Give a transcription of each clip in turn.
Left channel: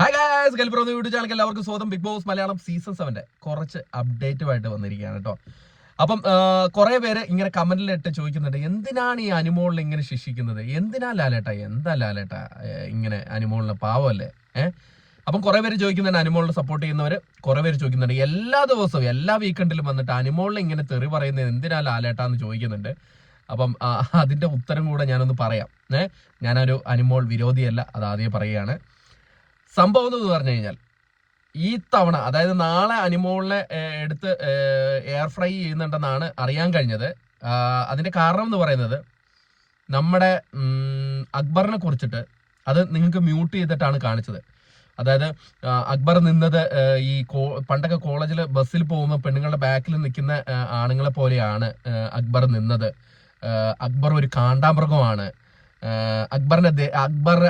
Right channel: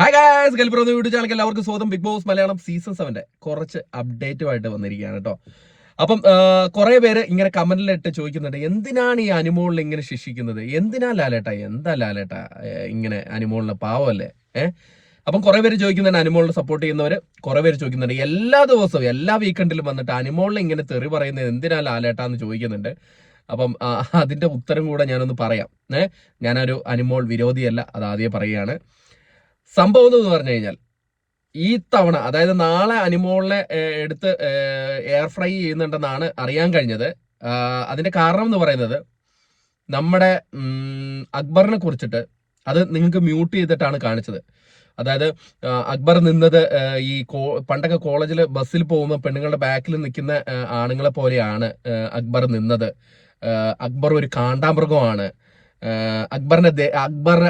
Hi guys, ഗൽബ്രോ YouTube channel എല്ലാവർക്കും സ്വാഗതം. Big boss Malayalam season 7 കുറച്ച് അപ്ഡേറ്റുമായിട്ട് വന്നിരിക്കുകയാണ് കേട്ടോ. അപ്പം കുറെ പേര് ഇങ്ങനെ കമന്റിലിട്ട് ചോദിക്കുന്നുണ്ട്, എന്തിനാണ് ഈ അനുമോളിനെ ഇങ്ങനെ ശിക്ഷിക്കുന്നത്? എന്തിനാ ലാലേട്ടാ, എന്താ ലാലേട്ടാ ഇങ്ങനെ അനുമോളിനെ പാവമല്ലേ? അപ്പം കുറെ പേര് ചോദിക്കുന്നുണ്ട്, അനുമോളിനെ സപ്പോർട്ട് ചെയ്യുന്നവര് കുറെ പേര് ചോദിക്കുന്നുണ്ട്, എല്ലാ ദിവസവും എല്ലാ വീക്കെൻഡിലും വന്നിട്ട് അനുമോളിനെ ഇങ്ങനെ തെറി പറയുന്നത് എന്തിനാ ലാലേട്ടാ എന്ന് ചോദിക്കുന്നുണ്ട്. അപ്പം അതിന്റെ ഉത്തരം കൂടെ ഞാനൊന്ന് പറയാം. ഞാനൊരു അനുമോൾ വിരോധിയല്ല, അത് ആദ്യം പറയുകയാണ്. സംഭവം എന്ന് പറഞ്ഞു കഴിഞ്ഞാൽ, ഈ തവണ അതായത് നാളെ അനുമോളിനെ എടുത്ത് എയർ ഫ്രൈ ചെയ്യുന്നുണ്ടെന്നാണ് അറിയാൻ കഴിഞ്ഞത്. അതിന്റെ കാരണം എന്ന് പറയുന്നത്, നമ്മുടെ അക്ബറിനെ കുറിച്ചിട്ട് അത് നിങ്ങൾക്ക് മ്യൂട്ട് ചെയ്തിട്ടാണ് കാണിച്ചത്. അതായത് അക്ബർ നിന്നത് ഈ പണ്ടൊക്കെ കോളേജിൽ ബസ്സിൽ പോകുമ്പോൾ പെണ്ണുങ്ങളുടെ ബാക്കിൽ നിൽക്കുന്ന ആണുങ്ങളെ പോലെയാണ് അക്ബർ നിന്നത്. അക്ബർ ഒരു കാണ്ടാമൃഗമാണ്. അക്ബറിന്റെ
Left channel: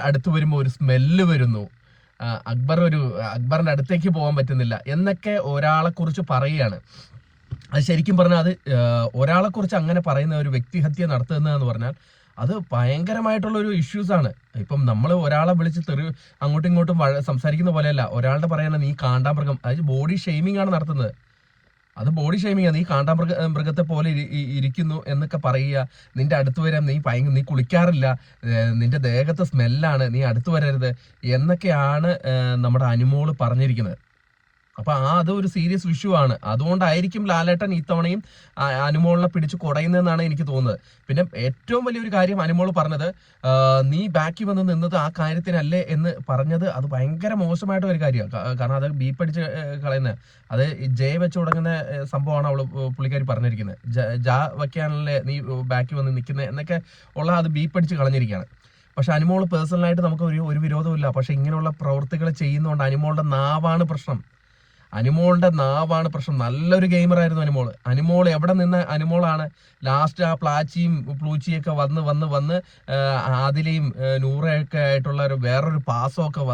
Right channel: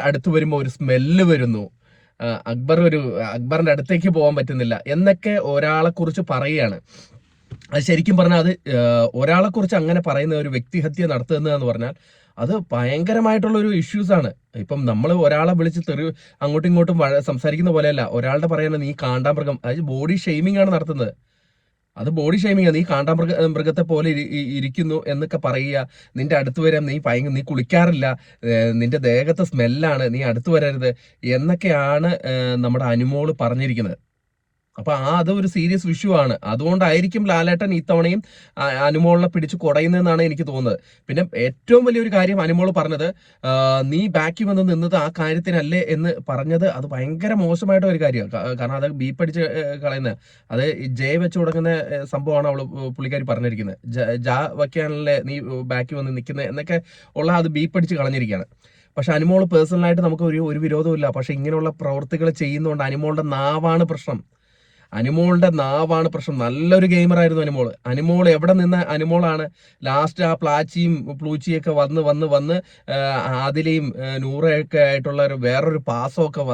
അടുത്ത് വരുമ്പോൾ ഒരു സ്മെല്ല് വരുന്നു. അക്ബറിന്റെ അടുത്തേക്ക് പോകാൻ പറ്റുന്നില്ല എന്നൊക്കെ ഒരാളെ കുറിച്ച് പറയുകയാണ്. അത് ശരിക്കും പറഞ്ഞാൽ, അത് ഒരാളെ കുറിച്ച് അങ്ങനെ പറയുന്ന ഒരു വ്യക്തിഹത്യ നടത്തുന്നതെന്ന് പറഞ്ഞാൽ അത് ഭയങ്കരമായിട്ടുള്ള ഒരു ഇഷ്യൂസ് ആണ്. ഇപ്പം നമ്മൾ ഒരാളെ വിളിച്ച് അങ്ങോട്ടും ഇങ്ങോട്ടും സംസാരിക്കുന്ന പോലെയല്ല. ഒരാളുടെ പറയുന്നത് നീ കാണ്ടാമൃഗം, അത് ബോഡി ഷെയ്മിംഗ് ആണ് നടത്തുന്നത്. അത് ബോഡി ഷെയ്മിങ്. നീ മൃഗത്തെ പോലെ ഇരിക്കുന്നു എന്നൊക്കെ പറയുക. നിന്റെ അടുത്ത് വരാൻ നീ കുളിക്കാറില്ല, നിന്റെ ദേഹത്തെ സ്മെല്ലാണ്, നീ അടുത്ത് വരരുത് എന്നൊക്കെയാണ് നമ്മുടെ അനുമോള് പറഞ്ഞിരിക്കുന്നത്. അപ്പൊ അതൊരു സീരിയസ് ഇഷ്യൂ ആണ്. അതുകൊണ്ടായിരിക്കും ലാലേട്ടൻ ഇത്തവണയും അനുമോളിനെ പിടിച്ച് കുടയുന്നതെന്നാണ് എനിക്ക് തോന്നുന്നത്. പിന്നെ ഏറ്റവും വലിയൊരു കാര്യം അനുമോൾ പറഞ്ഞത്, നീ ബാക്കി വന്ന് നിന്നത് ആ കാര്യത്തിനല്ലേ എന്ന് പറഞ്ഞത്, അത് ഭയങ്കര മോശമായിട്ട് ഒരു കാര്യമാണ്. കാരണം അത് ബീപ്പടിച്ച് കളയുന്ന, അത് ജയ വെച്ച് തുടങ്ങുന്ന സംഭവമാണ് പുള്ളിക്കാരി പറഞ്ഞിരിക്കുന്നത്. ജാ വയ്ക്കാനല്ലേ നീ ബാക്കി വന്ന് നിൽക്കുന്നത് എന്നൊക്കെ ഉള്ള അത് ബീപ്പടിച്ച് കളഞ്ഞിരിക്കുകയാണ്. പക്ഷെ അനുമോൾ പേഴ്സണലായിട്ട് നമുക്ക് ഒരു വിരോധമില്ല. പക്ഷെ ഇങ്ങനെയുള്ള പ്രവൃത്തികൾ ചെയ്യുന്നതുകൊണ്ട് അനുമോളുടെ നാവാണ് പ്രശ്നം. അനുമോളുടെ നാവാണ് പ്രശ്നം. നല്ലൊരു ഗെയിമറായിരുന്നു അനുമോൾ എവിടെ നിന്ന അനുമോളാണ് ലാസ്റ്റ് ആ പ്ലാച്ചിയും പ്ലൂച്ചിയൊക്കെ വന്ന് ആദിലയും നൂറയൊക്കെ ആയിട്ടുള്ള വേറൊരു പാസമൊക്കെ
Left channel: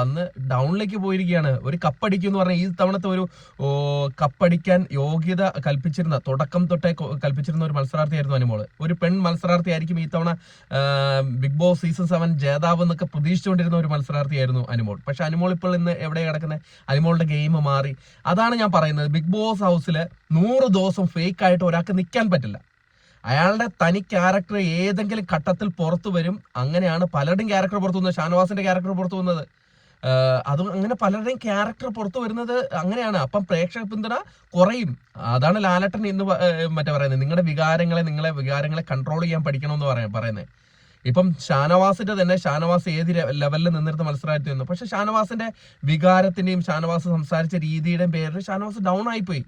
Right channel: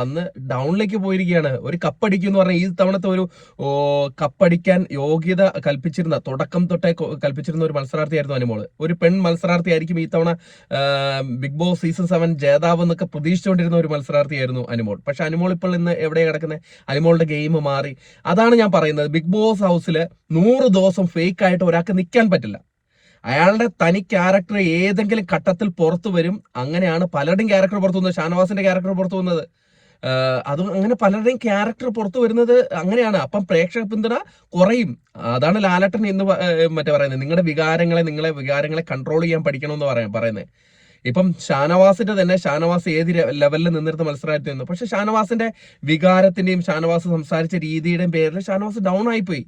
വന്ന് ഡൗണിലേക്ക് പോയിരിക്കുകയാണ്. ഒരു കപ്പടിക്കും എന്ന് പറഞ്ഞാൽ, ഈ തവണത്തെ ഒരു കപ്പടിക്കാൻ യോഗ്യത കൽപ്പിച്ചിരുന്ന, തുടക്കം തൊട്ടേ കൽപ്പിച്ചിരുന്ന ഒരു മത്സരാർത്ഥിയായിരുന്നു അനുമോൾ. ഒരു പെൺ മത്സരാർത്ഥിയായിരിക്കും ഈ തവണ ബിഗ് ബോസ് സീസൺ 7 ജേതാവ് എന്നൊക്കെ പ്രതീക്ഷിച്ചുകൊണ്ടിരുന്ന ഒരു മത്സരാർത്ഥിയായിരുന്നു അനുമോൾ. പക്ഷെ അനുമോൾ ഇപ്പോൾ ഇന്ന് എവിടെയാണ് കിടക്കുന്നത്? അനുമോളുടെ ഗെയിം മാറി. അതാണ് ഞാൻ പറയുന്നത്, ബിഗ് ബോസ് ഹൗസിൽ 100 ദിവസം ഫേക്ക് ആയിട്ട് ഒരാൾക്ക് നിൽക്കാൻ പറ്റില്ല. അയാളുടെ തനി ക്യാരക്ടർ ഏതെങ്കിലും ഘട്ടത്തിൽ പുറത്തു വരും. അങ്ങനെയാണ് പലരുടെയും ക്യാരക്ടർ പുറത്തു വന്നത്. ഷാനവാസിന്റെ ക്യാരക്ടർ പുറത്തു വന്നത്, അതും അങ്ങനെ പലരുടെയും ക്യാരക്ടർ പുറത്തു വരുന്നത് അങ്ങനെയാണ്. അപ്പം പ്രേക്ഷക പിന്തുണ കുറയും. അതാണ് ലാലേട്ടൻ ഇന്ന് പറയുന്നത്, നിങ്ങളെ വികാരങ്ങളെ കൺട്രോൾ ചെയ്യാൻ പഠിക്കണമെന്ന് പറയുന്നത്. ഇപ്പം ഷാനവാസിന്റെ തന്നെ, ഷാനവാസ് ഏത് ലെവലിൽ നിന്നിരുന്ന മത്സരമായിട്ട് നിന്നു. പക്ഷെ ഷാനവാസിന്റെ വികാരത്തിന്റെയും ഷാനവാസ് സംസാരിച്ച രീതിയുടെയും പേരിൽ ഷാനവാസ് ഡൗൺ ആയിപ്പോയി.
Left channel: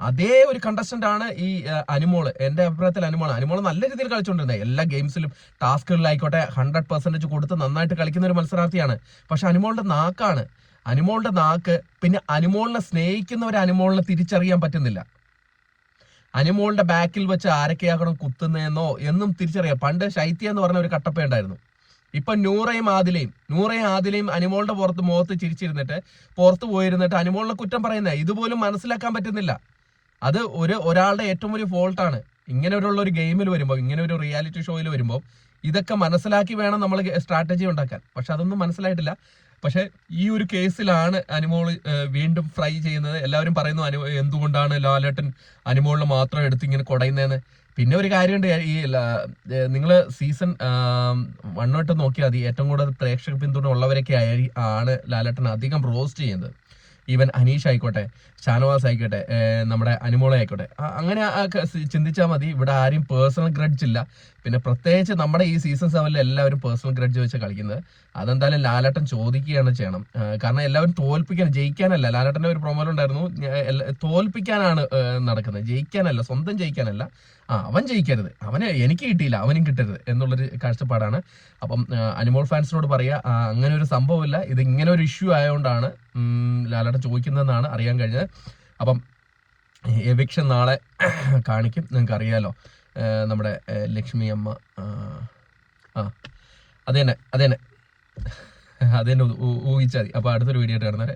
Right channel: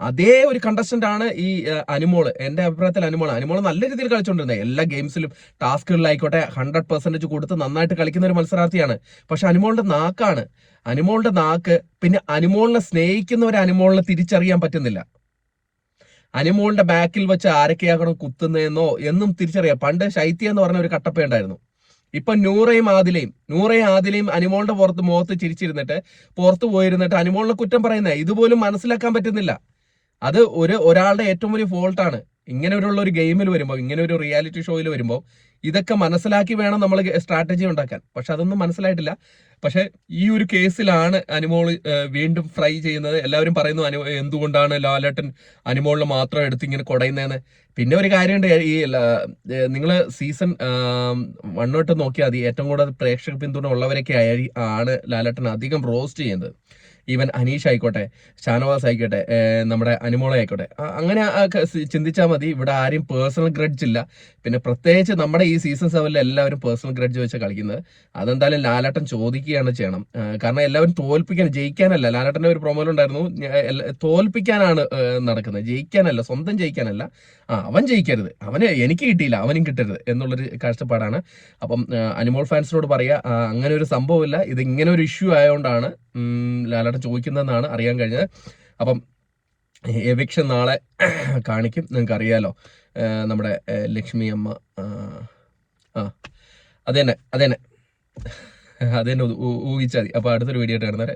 അതേ ഒരു കണ്ടസ്റ്റന്റ് ആണ് ഈ അനുമോള്. എന്റെ അഭിപ്രായത്തിൽ അനുമോള് നല്ല രീതിയിൽ കളിച്ചുകൊണ്ടിരുന്നത്. എല്ലാ ഗെയിംസിലും ടാസ്കുകളിലായിക്കോട്ടെ 100% കൊടുത്ത് നന്നായിട്ട് കളിക്കുന്ന ഒരു മത്സരാർത്ഥിയാണ്. പക്ഷെ അനുമോളുടെ നാക്ക്, പിന്നെ അനുമോളിനെ സ്നേഹിക്കുന്നവരെ അനുമോളിനെ തിരിച്ചറിയാൻ പറ്റുന്നില്ല. അനുമോളുടെ ബാക്കിൽ വെച്ച് ആരൊക്കെയാകണം കുത്തുന്നതെന്നോ എന്നും തിരിച്ചറിയാം. പണ്ട് ശൈത്യ എന്ന് പറഞ്ഞ ഒരു കട്ടപ്പ ഉണ്ടായിരുന്നു. ഇപ്പൊ നൂറയും ആദിലയും അനുമോളുടെ മുഖത്ത് ചിരിച്ചിരുന്നിട്ട് പുറത്ത് പോയിരുന്നിട്ട് അനുമോളിനെ കുറ്റം പറയുന്നത് ഇതുപോലും മനസ്സിലാക്കാൻ പറ്റുന്നില്ല. അത് ഒരാളുടെ ഏറ്റവും വലിയ ഫോൾട്ടാണ്. ഇങ്ങനെ ഒരു ഗെയിമിൽ വരുമ്പോൾ, ഇങ്ങനെ ഒരു റിയാലിറ്റി ഷോയിൽ വരുമ്പോൾ ഇതൊക്കെ മനസ്സിലാക്കി വേണം നമ്മൾ സ്ട്രാറ്റജി ഉണ്ടാക്കാൻ. പക്ഷെ അതൊന്നും മനസ്സിലായിട്ടില്ല. പക്ഷെ ഈ ഒരു കേസിലാണ് അനുമോൾ വീണ്ടും ഫ്രൈ ചെയ്യുന്നത്. എല്ലാവരും പറയുന്നു, എന്തുകൊണ്ടാണ് ലാലേട്ടൻ അനുമോളിനെ മാത്രം എടുത്ത് ഇങ്ങനെ കുടയുന്നതെന്ന്. പിന്നെ ഒരു കാര്യമുണ്ട്, ഈ നിങ്ങൾ സീസൺ 1 തൊട്ട് നോക്കിയാൽ മതി, ഏറ്റവും കൂടുതൽ പ്രേക്ഷക പിന്തുണ ഉള്ളവരൊക്കെ ആണ് ലാലേട്ടൻ അധികം റോസ്റ്റ് ചെയ്യുന്നത്. ഈവൻ അനീഷ് ആയിക്കോട്ടെ, ഷാനവാസ് ആയിക്കോട്ടെ, നമ്മുടെ അനുമോള ആയിക്കോട്ടെ, അങ്ങനെ ചിന്തിച്ചാൽ മതി. ഇവിടെ ആരും പേഴ്സണൽ ഗ്രഡ്ജ് ഇല്ല. പിന്നെ പ്രത്യേകിച്ച് നമ്മുടെ ഈ സീസൺ 7 എല്ലാവരും പേഴ്സണൽ ഗ്രഡ്ജ് വെച്ച് കളിക്കുന്നത്. അതെന്തായാലും ലാലേട്ടൻ ചോദിക്കുകയാണ് ചെയ്യണം. കാരണം എല്ലാവരും ജയിക്കാനല്ല. ലാലേട്ടൻ്റെ ഒരു പ്രൊമോയിലുണ്ടായിരുന്നു, തോൽപ്പിക്കാനാണ് നടക്കുന്നത്, ജയിക്കാനല്ല, സ്വന്തം ജയിക്കാനല്ല. അവൻ ജയിക്കരുത്, എനിക്ക് കിട്ടിയില്ല അവനും കിട്ടരുത് എന്നുള്ളൊരു കാഴ്ചപ്പാടാണ്. അപ്പം അനുമോൾ ഫാൻസിനോട് പറയാ, അങ്ങനെ ഒരു സംഭവമില്ല. ഇത് ഇങ്ങനെ ഒരു ഇഷ്യൂ ആയതുകൊണ്ടാണ് ലാലേട്ടൻ ചോദിക്കുന്നതെന്നാണ് അറിയാൻ കഴിഞ്ഞത്. അപ്പം എവിക്ഷൻ നാളെ കാണിക്കും. നിങ്ങൾക്ക് അറിയാലോ, നമ്മുടെ ലക്ഷ്മി അമ്മ അത് തന്നെ ഊഹിച്ചാൽ മതി. അപ്പോൾ അടുത്തൊരു വീഡിയോ ആയിട്ട് കാണുന്നവരെ.